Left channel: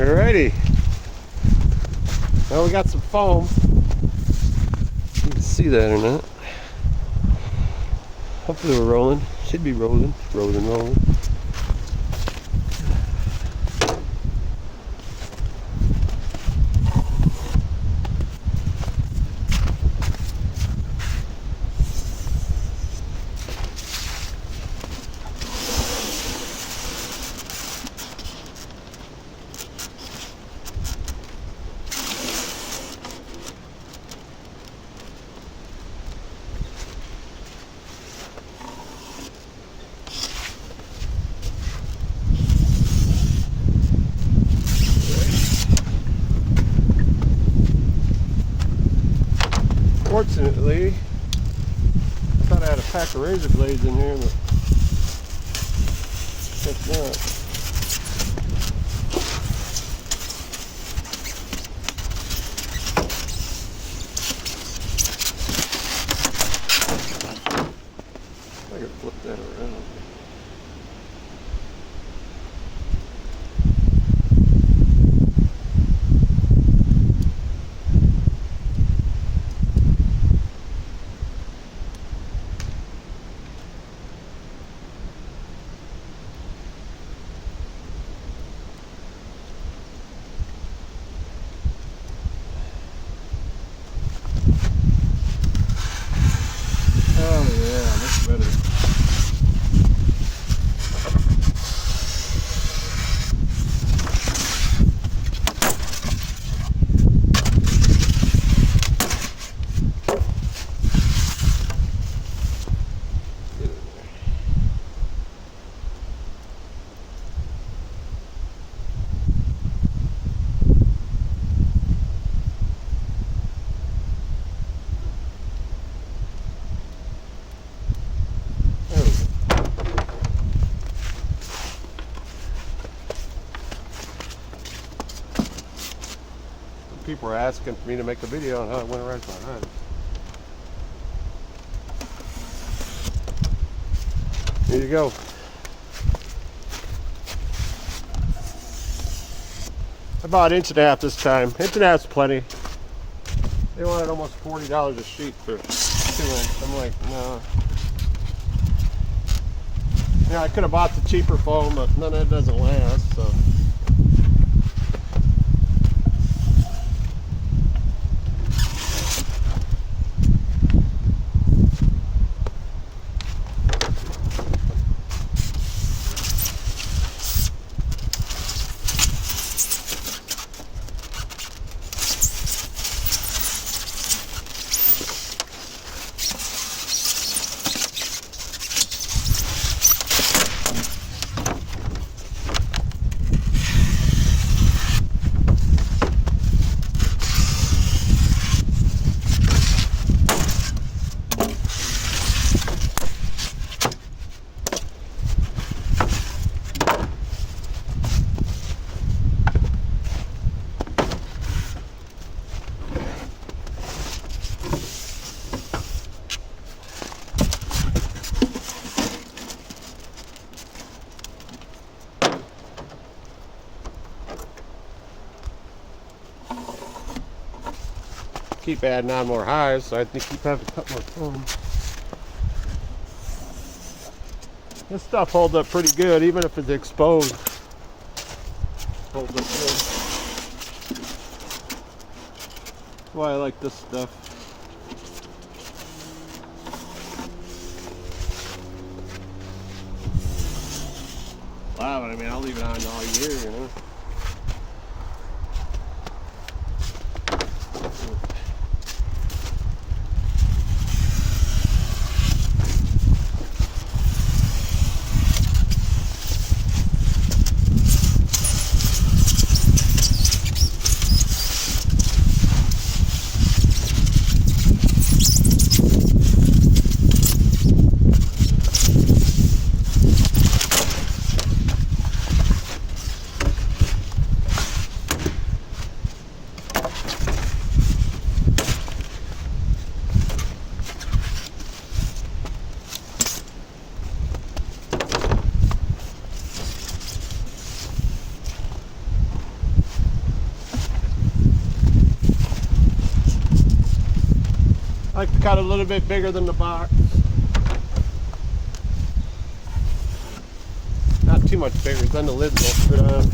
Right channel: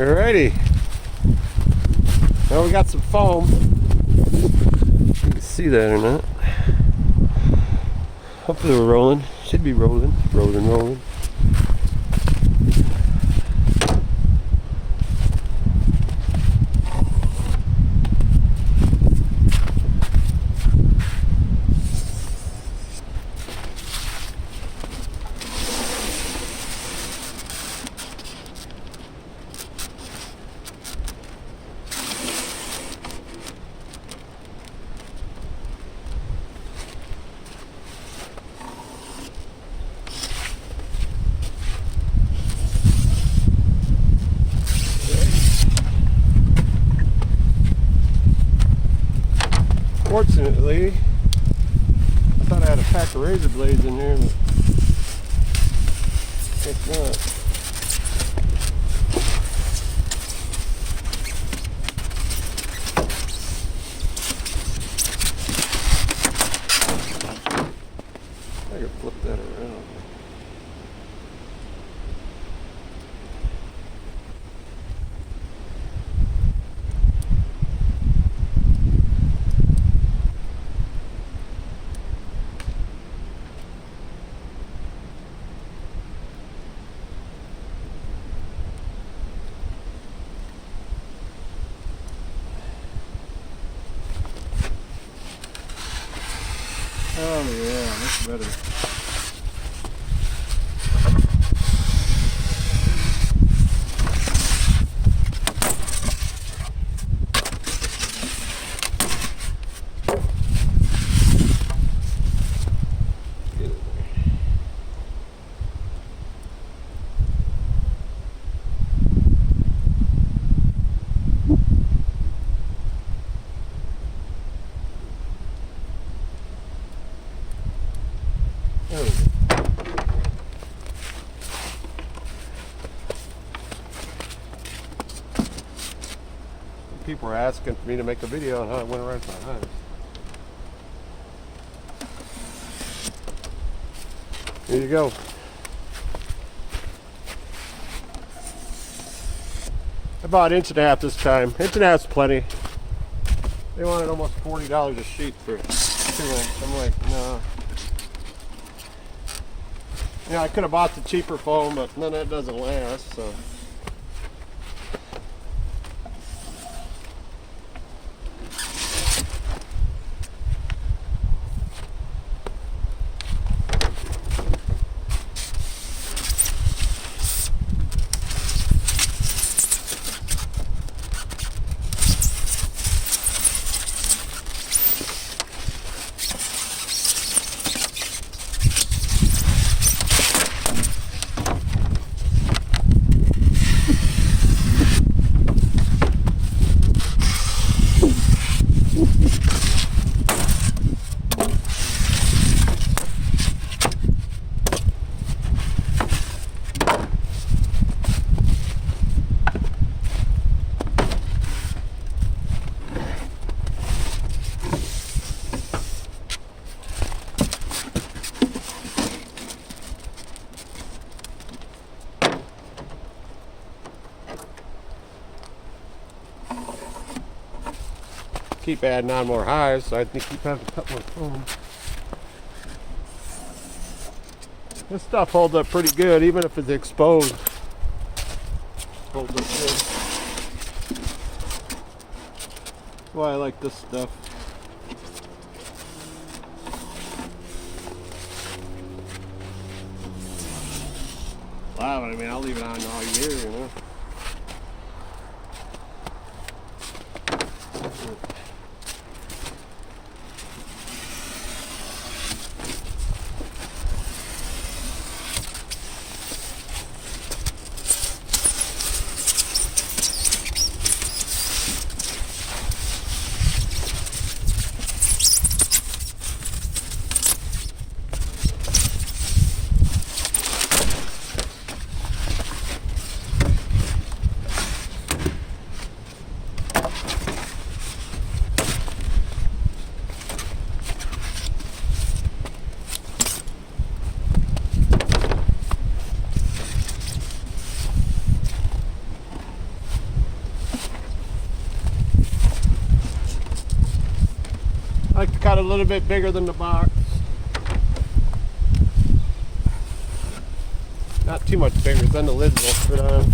Alrighty. Well, we got some foam. You can see that or not. Hopefully we're rolling. Should be rolling. Rolling. Fortunately, I thought I had a pack of razor blades in here, but guess not. I can flip that around. Oh yeah, that's better. There we go. People were asking for me to make a video on how I went around my hunt. Here you go. About an inch and a half this time. Inch and a half's plenty. They wanted almost $40 a sheet for 2 inch. I'm like, no. Yeah, I could have bought the cheaper foam, but none of that doesn't last, so. Keep adding on more highs, so I think keep having to cut more foam. This stuff holds up pretty good, even if it's exposed. Holds up good. That's why I like this stuff. Wow, I mean, I'll leave it on all year, you know. I like to cut a little bit bigger than the box. Not too much bigger, then the lids will fit on.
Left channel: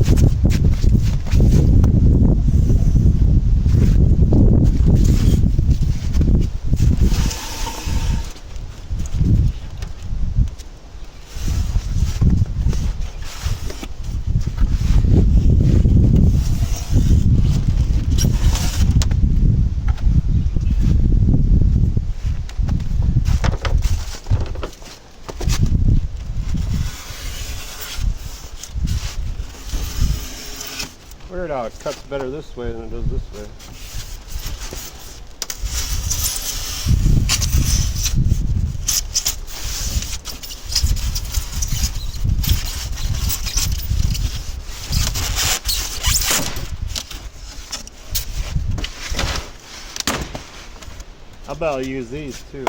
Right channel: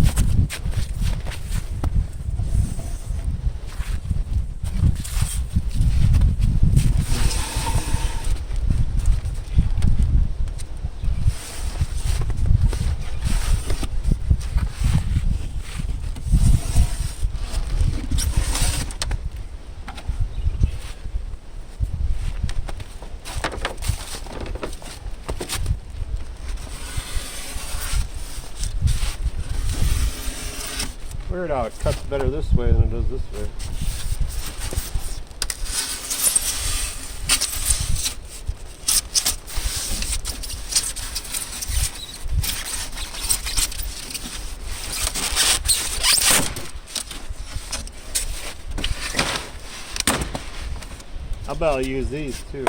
Weird how it cuts better this way than it does this way. I bet I'll use these too.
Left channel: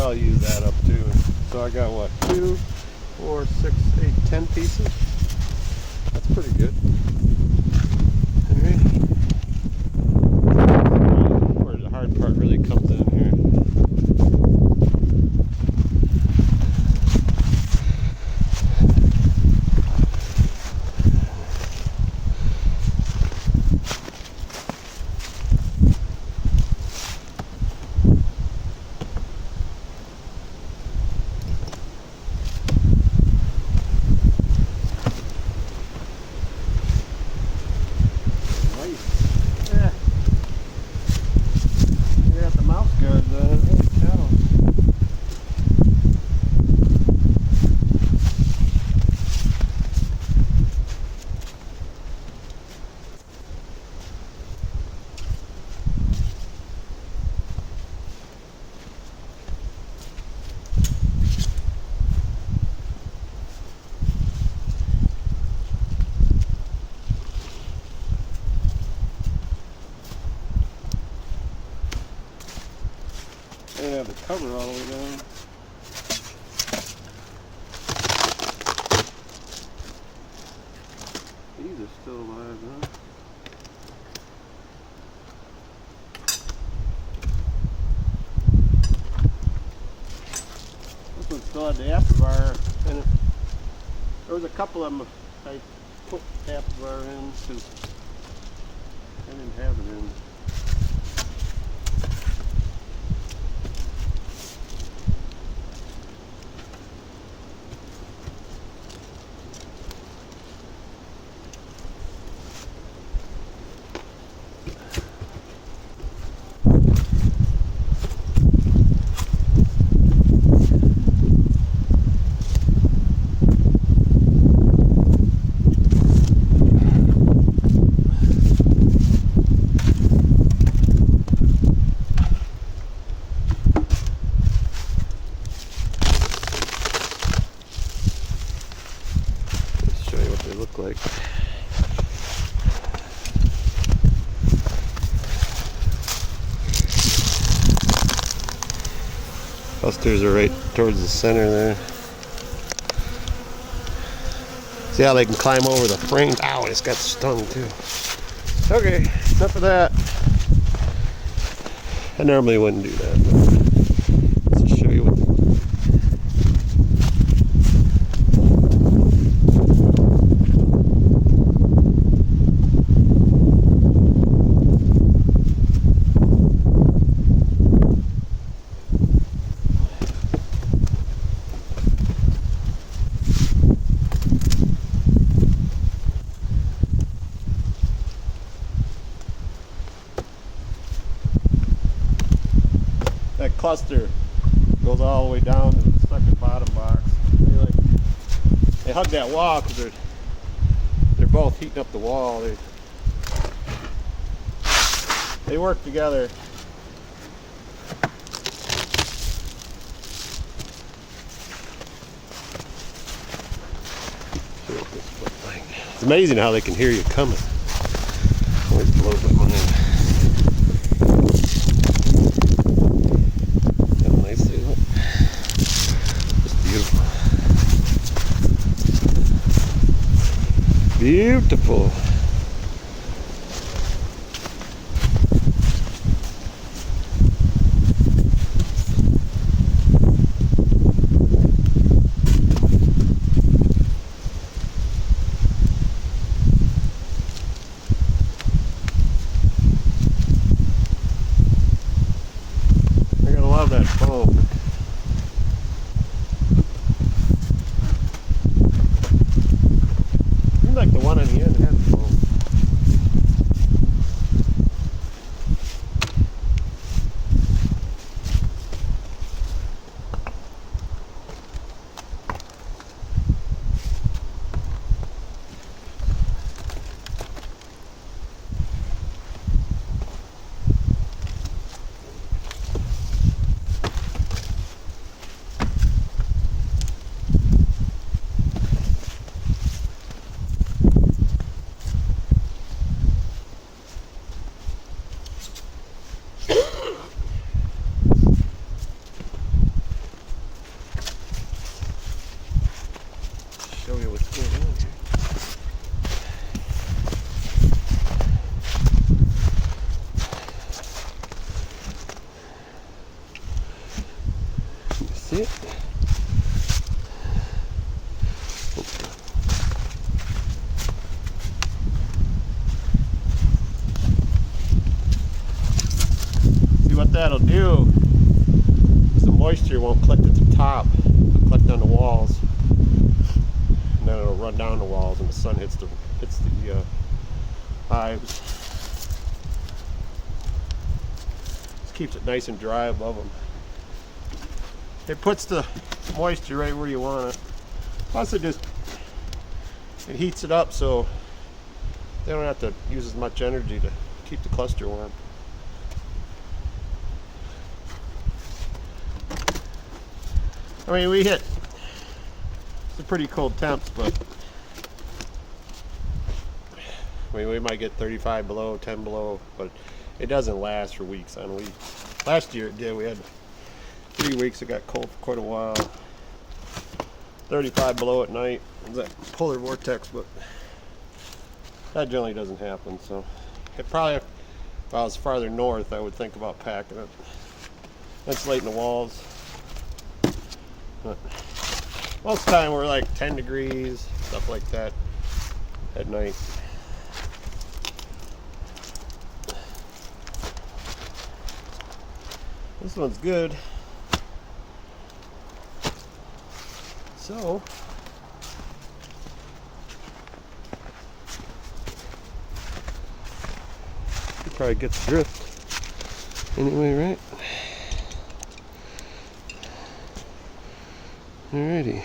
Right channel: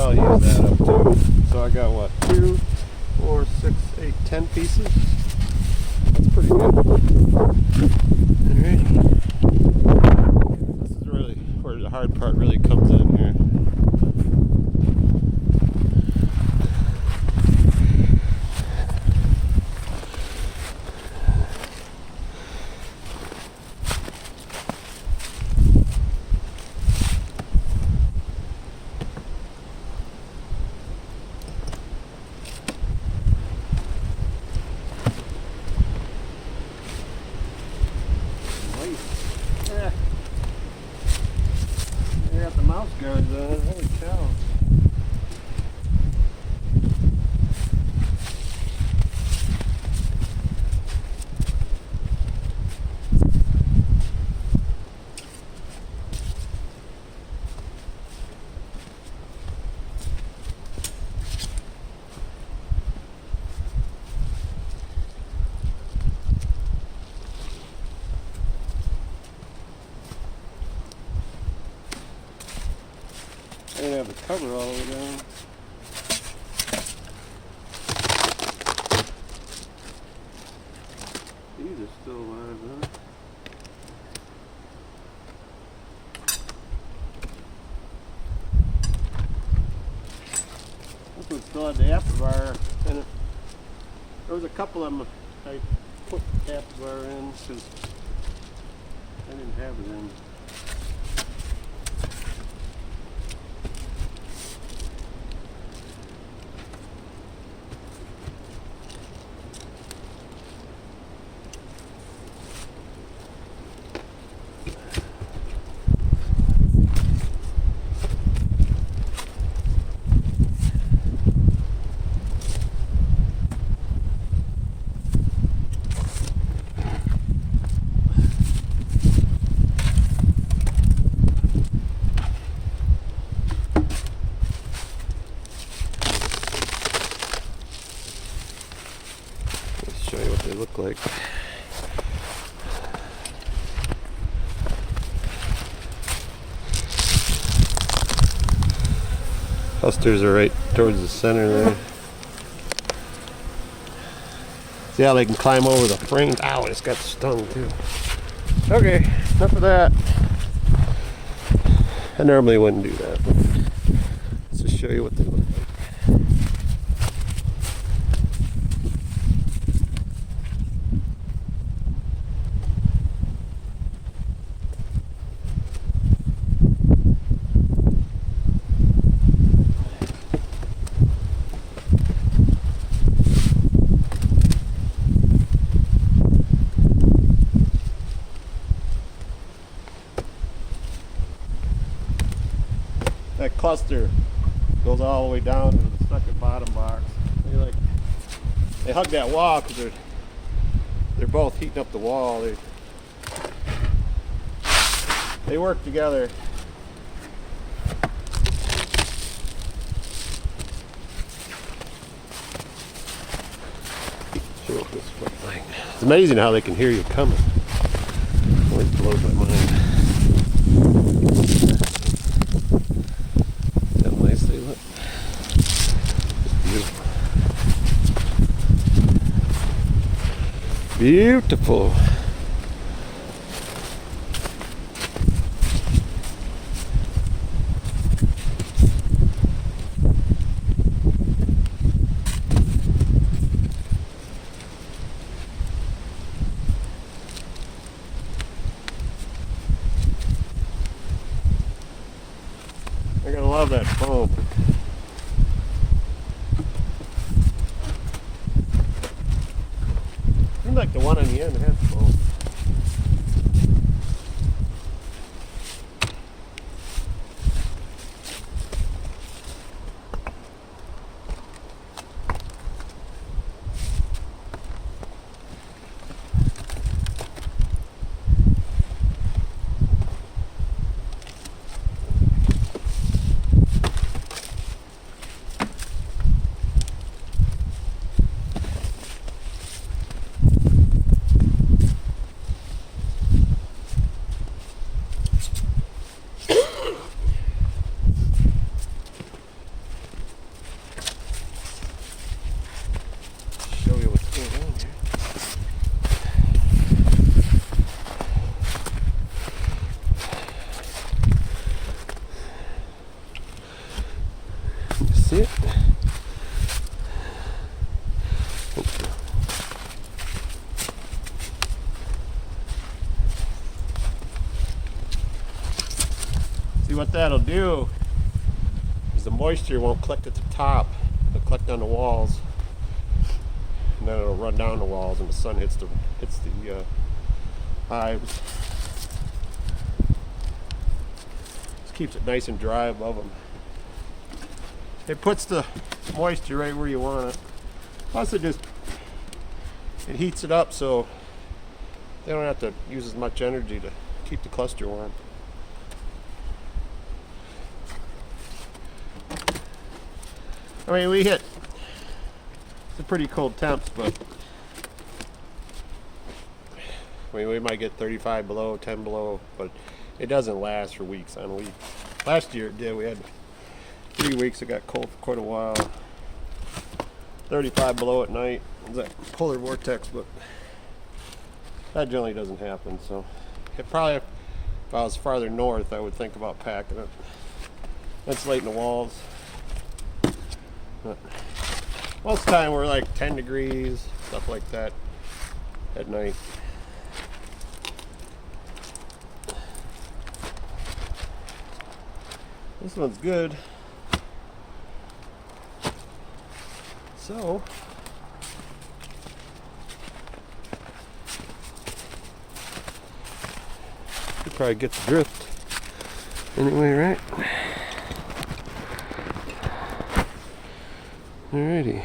I'll use that up too. So I got what, 2, 4, 6, 8, 10 pieces. That's pretty good. Alright. Where the hard part really comes in here. Yeah. You got the mouse guards on it. Holy cow. I didn't have the cover all the way down. These are still alive, huh? This one still had the afterburner in it. There was a couple of them I put the afterburner in because I didn't have it in. Clusters are right towards the center there. See how they can climb over the frame? Ow, it's got stung too. Okay, enough of that. I normally wouldn't do that, but let's just show you what they look like. That cluster goes all the way down to the second bottom box. They hug that wall because they're both heating up the wall. They work together. It's amazing how they can hear you coming. Always blows my mind. Nicely, look. Just beautiful. Beautiful. I gotta love that foam. Seems like the one on the end has foam. Show you what's going on here. You see it? Okay. See what that'll do is the moisture won't collect at the top, it'll collect on the walls. And then it'll run down the walls and the sun hits the hives. Just keeps it nice and dry above them. It puts the moisture right where you want it. Plus it heats it up so they don't have to use as much energy to keep the cluster warm. I mean, we hit some pretty cold temps, but I mean, we might get 35 below, 10 below, but it doesn't last for weeks on weeks. Last year it did. We had 3 weeks it got cold for quite a while. 35 below at night. It was that polar vortex, but that generally doesn't happen. So it probably, if I was farther north, I would think about packing it. Insulating the walls. But most of the time we're like 10 degrees, stuff like that at night. This one's good. So you probably get the drift anyway, right? Alrighty.